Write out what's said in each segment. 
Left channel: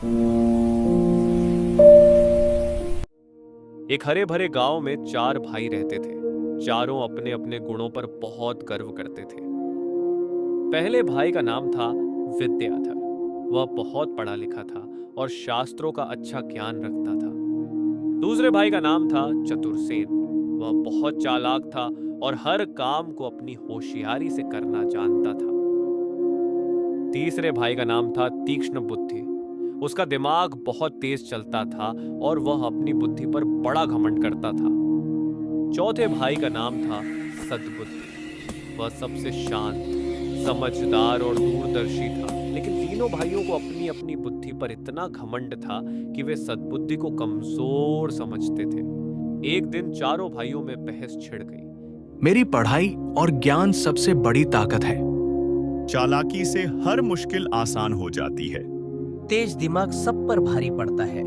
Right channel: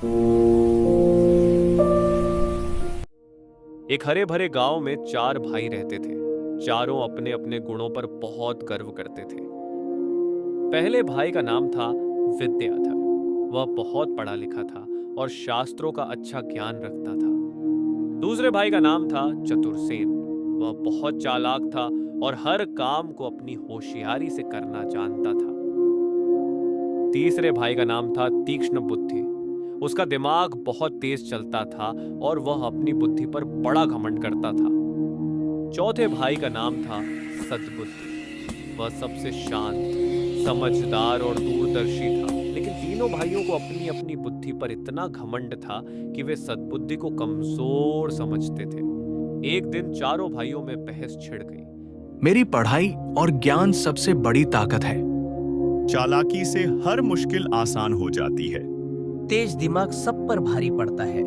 एक हरे भरे गांव में चार भाई रहते थे। चारों अपने अपने गुणों पर बहुत गर्व करते थे। पहले भाई का नाम था विद्याधर। वह बहुत पढ़ा लिखा था और शास्त्रों का अच्छा ज्ञान रखता था। दूसरे भाई का नाम था चतुरसेन। वह बहुत चालाक था और हर काम को अपनी होशियारी से करना जानता था। तीसरे भाई का नाम था तीक्ष्ण बुद्धि। उसका दिमाग बहुत तेज चलता था और वह अपनी बुद्धि पर बड़ा घमंड करता था। चौथे भाई का नाम था सद्बुद्धि। वह सबसे शांत, समझदार और दूरदर्शी था। लेकिन तीनों भाइयों को अपनी अपनी बुद्धि पर इतना घमंड था कि वे सद्बुद्धि को कमजोर समझते थे। एक दिन चारों भाइयों में बहस छिड़ गई। मेरी पढ़ाई और ज्ञान सबसे बड़ी ताकत है। चालाकी से हर मुश्किल आसान हो जाती है। तेज दिमाग सब पर भारी पड़ता है।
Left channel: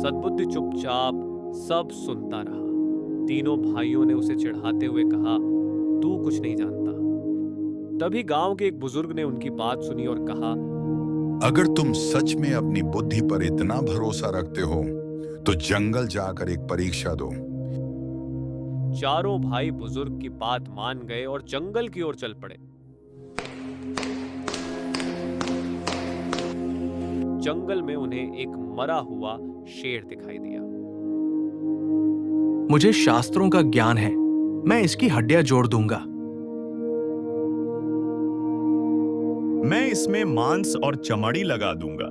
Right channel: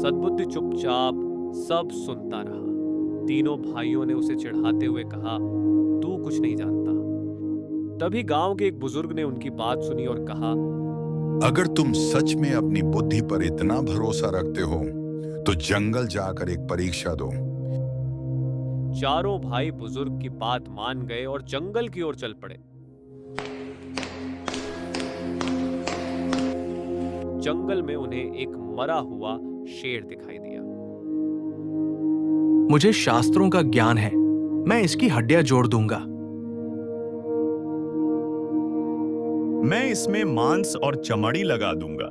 सद्बुद्धि चुपचाप सब सुनता रहा। तीनों भाइयों ने उसे चिढ़ाते हुए कहा, तू कुछ नहीं जानता। तभी गांव के एक बुजुर्ग ने उनकी बात सुनी और कहा, अगर तुम सच में अपनी बुद्धि पर इतना भरोसा रखते हो तो जंगल जाकर एक परीक्षा दो। चारों भाई बुजुर्ग की बात मान गए और जंगल की ओर चल पड़े। जंगल में उन्हें एक मरा हुआ शेर दिखाई दिया। मुझे शास्त्रों का ज्ञान है, मैं इसकी हड्डियां जोड़ दूंगा। मैं इसमें मांस और चमड़ी लगा दूंगा।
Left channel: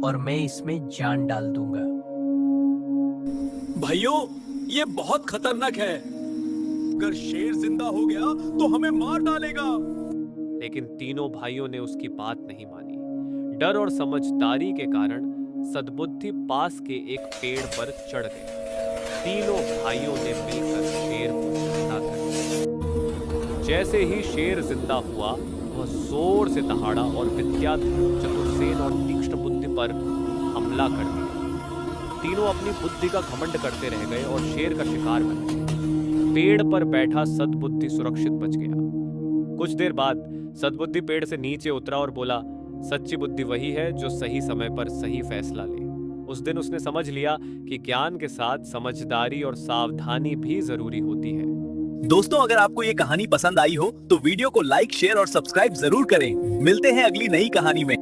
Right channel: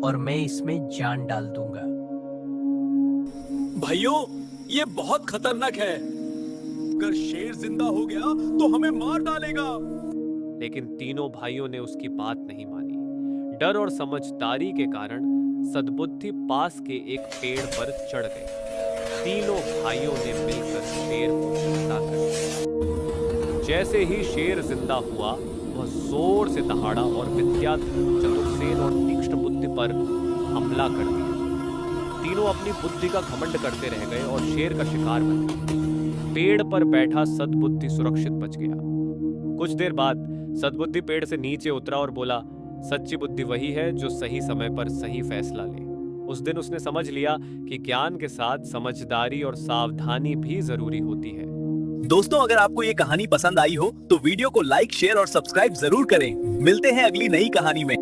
और मैं इसमें जान डाल दूंगा। भाइयों, ये बहुत खतरनाक है। अगर शेर जिंदा हो गया तो हमें मार डालेगा। लेकिन तीनों भाइयों ने उसकी बात नहीं मानी। डर और समझदारी के कारण सद्बुद्धि पास के एक पेड़ पर चढ़ गए। तीनों भाइयों ने मिलकर शेर को जिंदा कर दिया। जैसे ही शेर जिंदा हुआ, वह जोर से दहाड़ा और विद्याधर, चतुरसेन और तीक्ष्ण बुद्धि पर हमला कर दिया। तीनों अपनी बुद्धि का घमंड करते रह गए और शेर का शिकार बन गए। पेड़ पर बैठा सद्बुद्धि सुरक्षित बच गया। कुछ देर बाद सद्बुद्धि पेड़ से नीचे उतरा और बोला, सच्ची बुद्धि वही है जो सही समय पर सही फैसला ले। उस दिन उसने समझ लिया कि ज्ञान के साथ समझदारी और सावधानी भी जरूरी होती है। दोस्तों, अगर आपको ये कहानी पसंद आई हो तो वीडियो को लाइक, शेयर और सब्सक्राइब जरूर करें। मिलते हैं अगली नई कहानी में।